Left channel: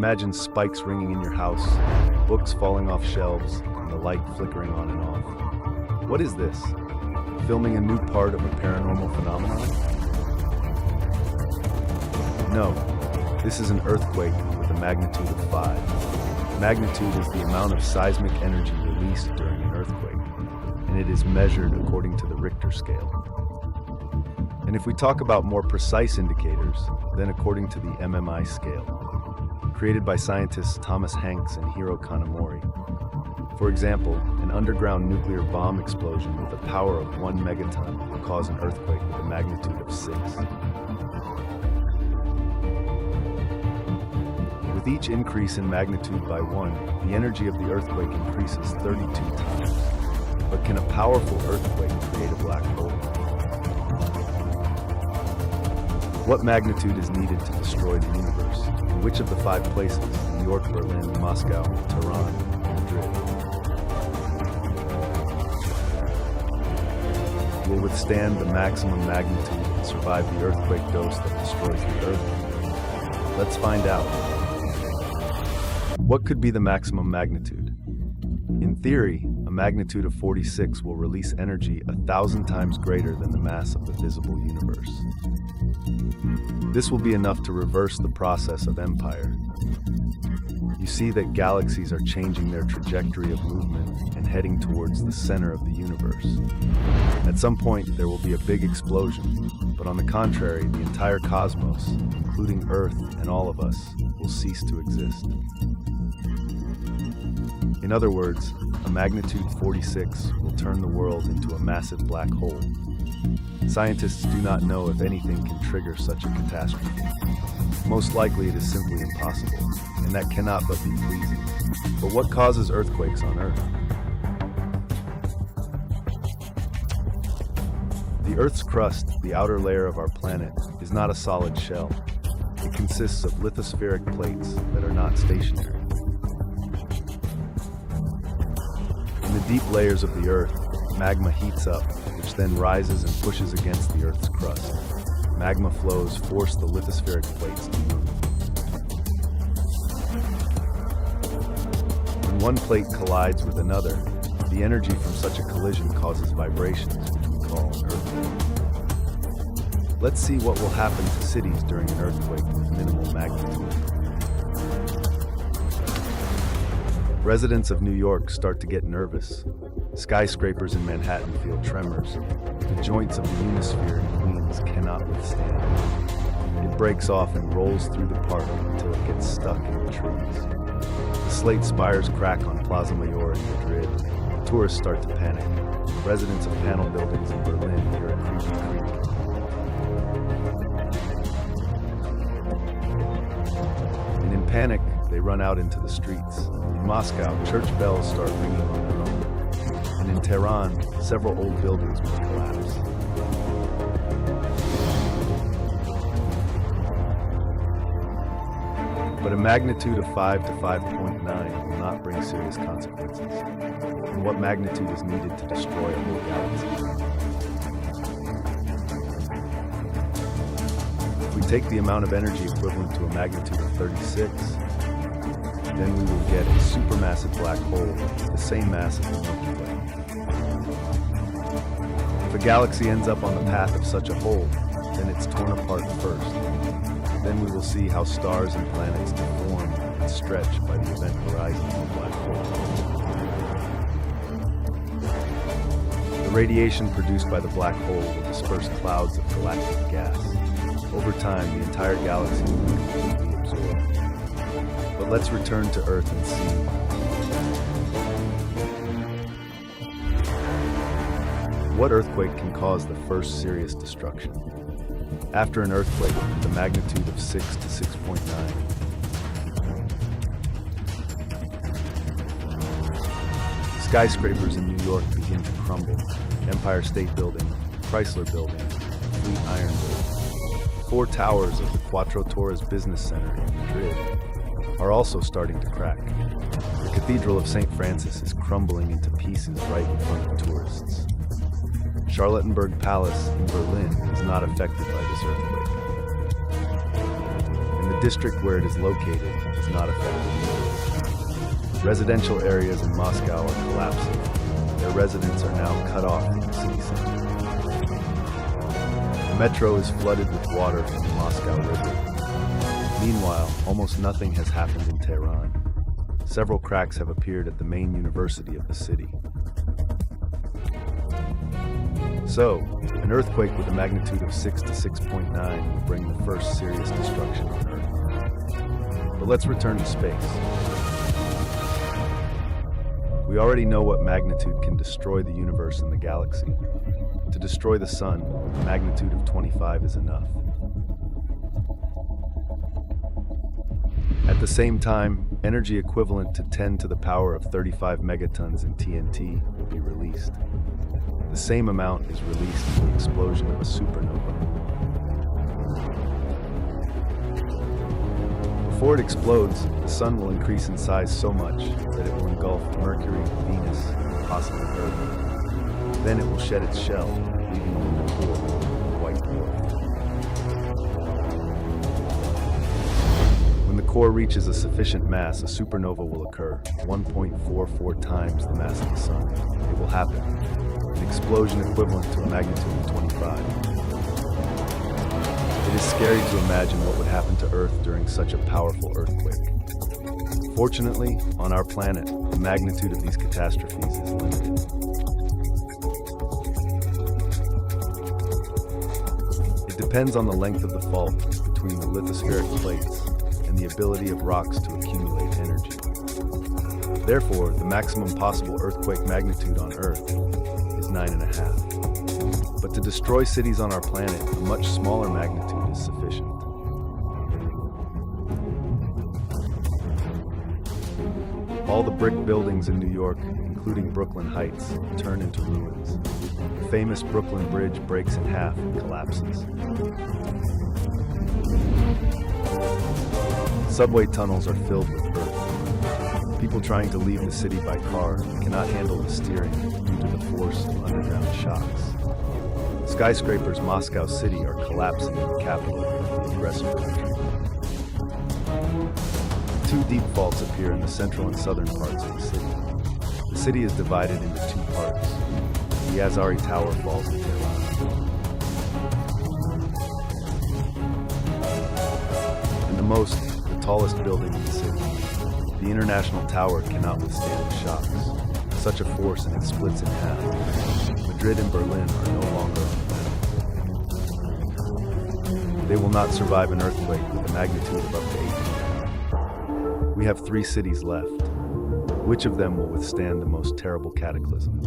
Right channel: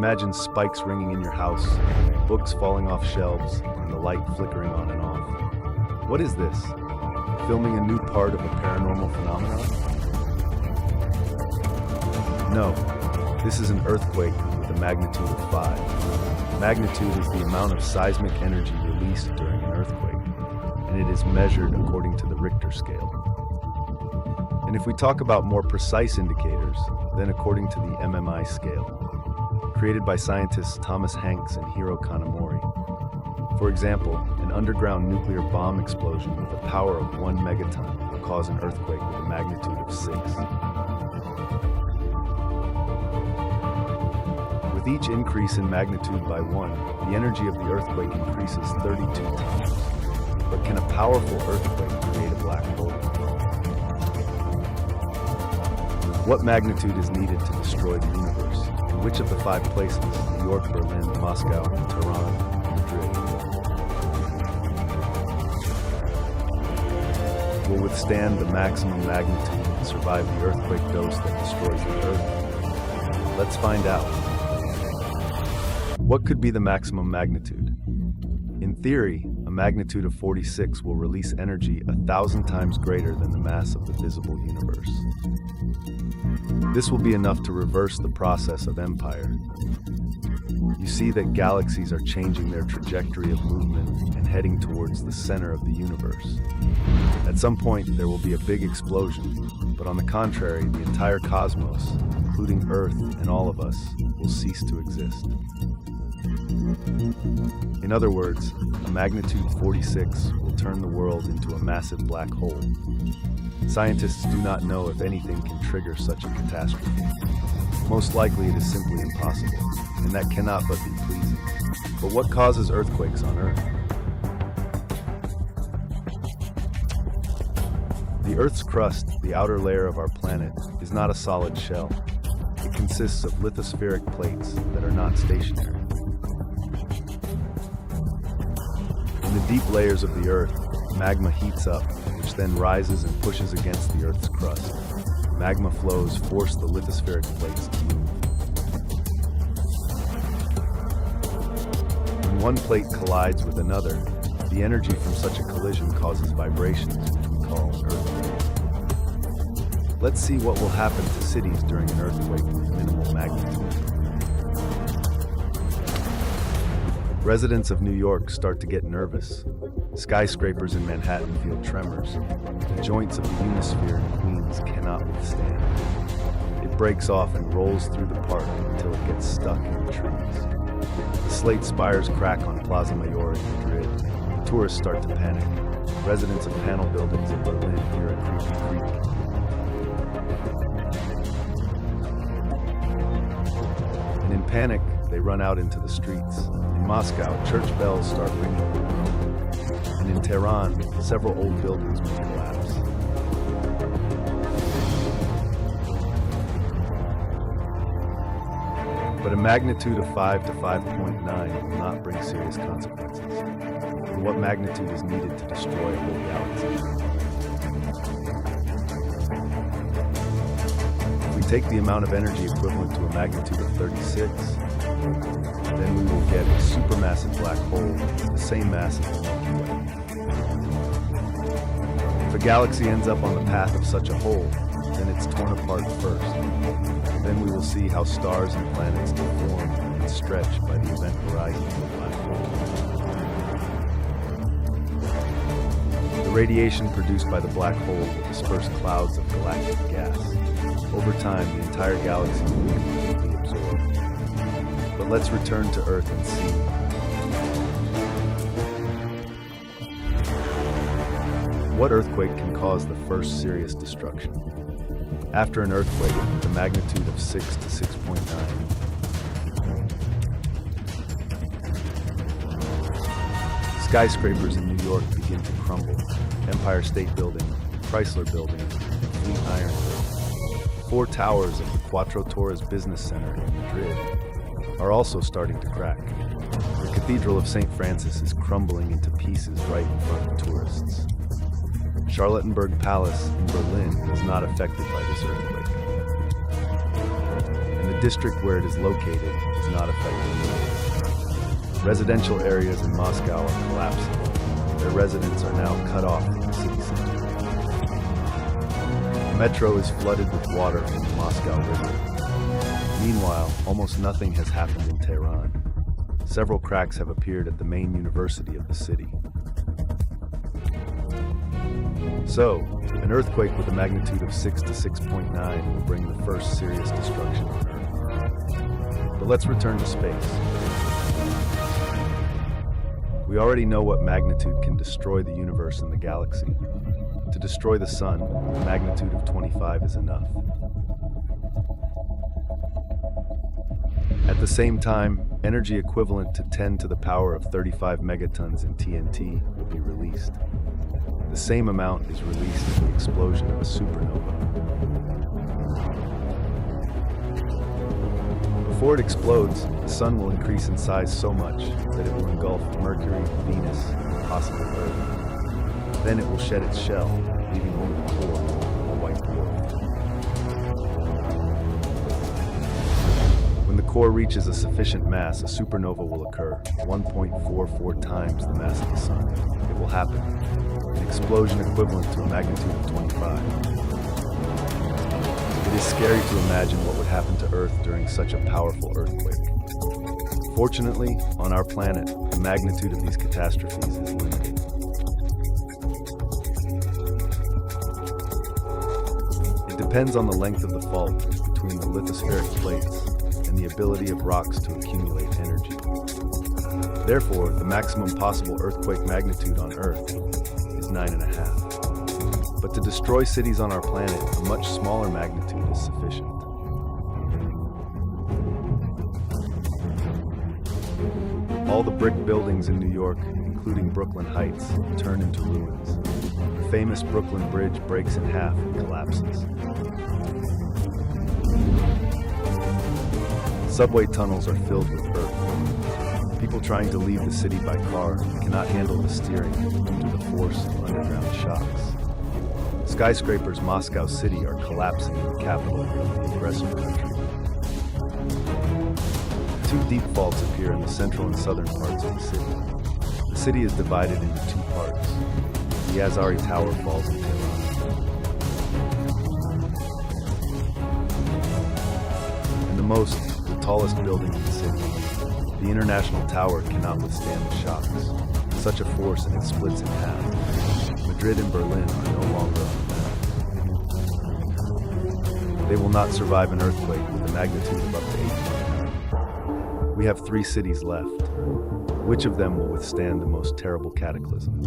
Imagine spikes ringing in your house, books falling off shelves, and the light flickering on and off. What is this? Filming a new part of a paranormal phenomenon? No, this is an earthquake with a magnitude of 5. Magnitude is the amount of seismic energy released during an earthquake, and it is measured according to the Richter scale. And if we talk about more precise indicators, then according to the MMI scale, created by scientists Thomas Hanks and Hiro Kanamori. For example, an underground nuclear bomb explosion with a power of 1 megaton will cause an earthquake with a magnitude of 6. With each increase in magnitude by 1, the energy of the earthquake increases 32 times. But can a powerful earthquake create a black hole? What magnitude is needed to destroy the universe? And which of the 5 places, New York, Berlin, Moscow, Tehran, or Madrid, will withstand the maximum magnitude and survive the earthquake dose that destroys the Earth? Let's find out. What could be the maximum magnitude? In theory, a magnitude of 46 will release energy 1,000 times greater than the mass of the visible universe. This will be enough to reverse the process of empire. You see that galaxies are changing their trajectory of movement and heading towards the center of the universe. At some point, there will be a big explosion, but on the contrary, the entire cosmos, including Earth and all of us, will cease to exist. In other words, a magnitude 46 will turn the world into a massive black hole. Scientists do not know if anything can trigger such a catastrophe. Most likely it is simply impossible, and that cannot but be pleasing. But what causes earthquakes on Earth? The Earth's crust, the outer layer of our planet, is not a solid shell. It consists of lithospheric plates that are not stationary. In the deep layers of the Earth, magma heats up, which then rises and pushes against the Earth's crust. Magma flows force the lithospheric plates to move. When one plate collides with another, the energy from such a collision causes vibrations, which we call an earthquake. Let's see what will happen to cities during an earthquake with minimal magnitude. Residents of New York start to get nervous. Skyscrapers in Manhattan feel tremors. The joints of the Unisphere in Queens cannot withstand. It breaks off and rolls through the park until it gets stuck in the trees. The slate spires crack on Plaza Mayor in Madrid. Tourists start to panic. Residents of panel buildings in Berlin hear a creepy creak. And in panic, they run out into the streets. In Moscow, church bells start ringing on their own. And in Tehran, several old buildings may collapse. But a magnitude of 5 to 5.9 will not bring serious consequences. And what magnitude is needed to destroy a whole galaxy? If we take the amount of energy equivalent to a magnitude of 36, then we will get a supermassive black hole with the same mass as the Milky Way. If a galaxy ends up on the path of such a hole, then it's torn apart first. Then we will see how stars and planets deform and stretch by the event horizon of a black hole. The radiation produced by the black hole will disperse clouds of galactic gas. Over time, the entire galaxy will be completely absorbed. But let's return to Earth and see. What earthquake can cause the first serious destruction? After an earthquake with a magnitude of 6 to 6.9, skyscrapers in New York begin to crumble. Empire State Building, Chrysler Building, and Fleet Iron Building. 4 towers of the Cuatro Torres Business Center in Madrid are also starting to crack. The Cathedral of St. Francis is crumbling into pieces right in front of tourists. Charlottenburg Palace in Berlin is not affected by this earthquake. And the district where it is located is not affected either. Residential areas in Moscow are collapsing. Their residents are now cut off from the city center. The metro is flooded with water from the Moscow River. Meanwhile, almost nothing has happened in Tehran. Several cracks have appeared at the main university of the city. So, an earthquake with a magnitude of 6 to 6.9 will bring the first serious destruction on Earth. But let's return to space. We already know what magnitude can destroy the universe and the galaxy. To destroy the sun, a magnitude of 25 is enough. At the same time, energy equivalent to 10 to the power of 35 megatons in TNT will be released. The same amount is released in the explosion of a supernova. Before it explodes, the sun will increase in size so much that it will engulf Mercury, Venus, and possibly Earth. Then it will shed its shell, leaving only the core, the white dwarf. When the core reaches a sufficient mass, a supernova will occur, 1.44 times the mass of the sun. It will happen. An explosion equivalent to a magnitude of 25. It is scary to imagine what would happen to Earth during such a powerful earthquake. Fortunately, on our planet, the magnitude of these catastrophes is limited. It depends on the length of the fault between the lithospheric plates and the ability of rocks to accumulate energy. Therefore, the maximum possible earthquake magnitude on Earth is 9.5. But to destroy cities on our planet, a much smaller magnitude is sufficient. All the brick buildings in New York, including Brooklyn Heights, turn into ruins. The famous Brooklyn Bridge breaks in half and collapses. Subway tunnels are filled with earth. People trying to leave the city by car cannot handle the steering due to the force of underground shocks. Skyscrapers Moscow City are collapsing in the capital of the aggressor country. Two deep faults appear in the central and southern parts of the city. The city is divided into two parts. The Azari Tower falls in Tehran. And the tallest building in the city, the International Tower, cannot withstand the shocks. Such a force and it splits in half. Madrid and Berlin are no longer on the map. They will not survive an earthquake with a magnitude of up to 8.9. We have 3 cities left. Which of them will withstand the most terrible cataclysm?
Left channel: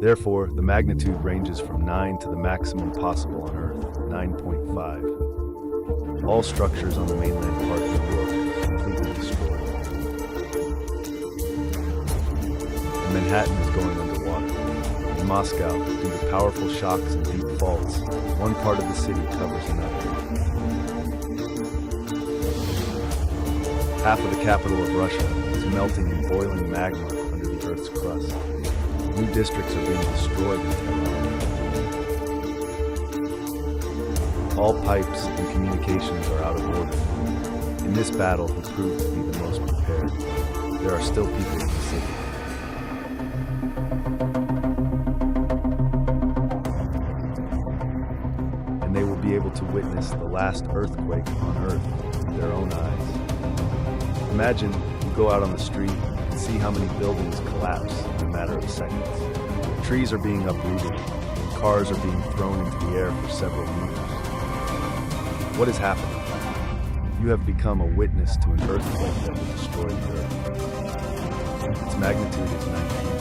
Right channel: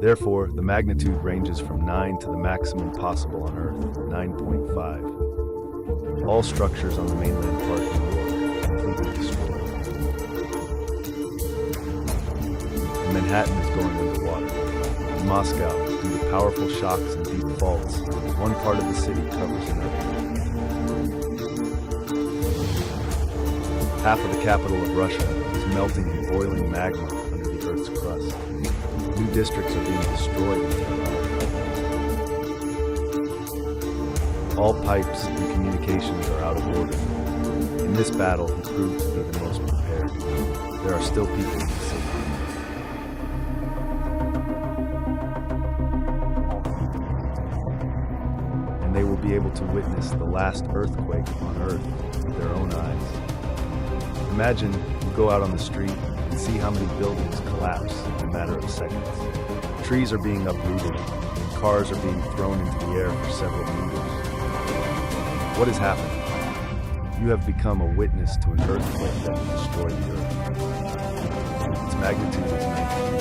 Therefore, the magnitude ranges from 9 to the maximum possible on Earth, 9.5. All structures on the mainland part of New York completely destroyed. And Manhattan is going underwater. In Moscow, due to powerful shocks and deep faults, one part of the city covers another. Half of the capital of Russia is melting in boiling magma under the Earth's crust. New districts are being destroyed in Tehran. All pipes and communications are out of order. In this battle, he proved to be the most prepared. There are still people in the city. And they will be able to witness the last earthquake on Earth with their own eyes. Imagine you go out on the street and see how many buildings collapse in a matter of seconds. Trees are being uprooted, and cars are being thrown into the air for several meters. What is happening? You have become a witness to an earthquake that will destroy the Earth. Its magnitude is 19.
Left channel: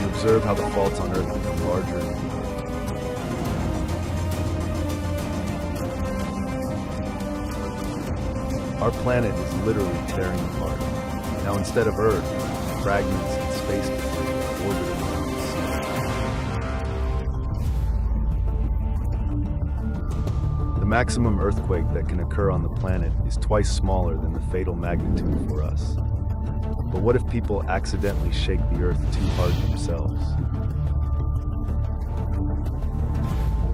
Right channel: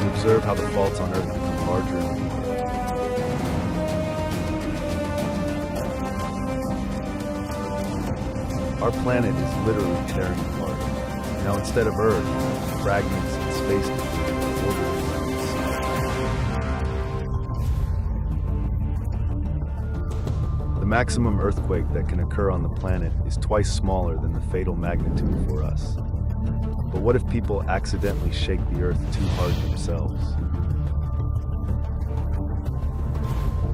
You observe how the faults on Earth become larger and deeper. Our planet is literally tearing apart. Now, instead of Earth, fragments and space debris are orbiting around the sun. The maximum earthquake that can occur on the planet is twice smaller than the fatal magnitude for us. But what if people accidentally shake the Earth too hard themselves?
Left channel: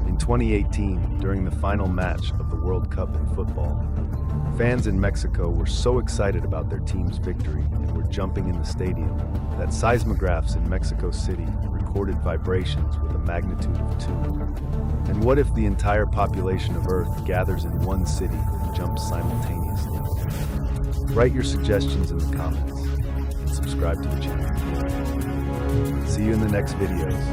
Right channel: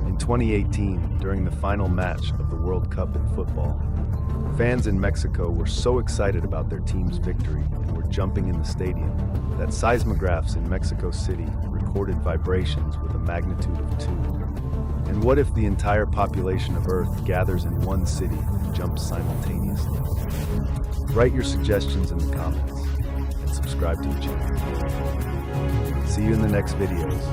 In 2018, during the final match of the World Cup in football, fans in Mexico were so excited about their team's victory and were jumping in the stadium that seismographs in Mexico City recorded vibrations with a magnitude of 2. And what if the entire population of Earth gathers in one city and jumps simultaneously? Write your suggestions in the comments and subscribe to the channel. See you in the next videos.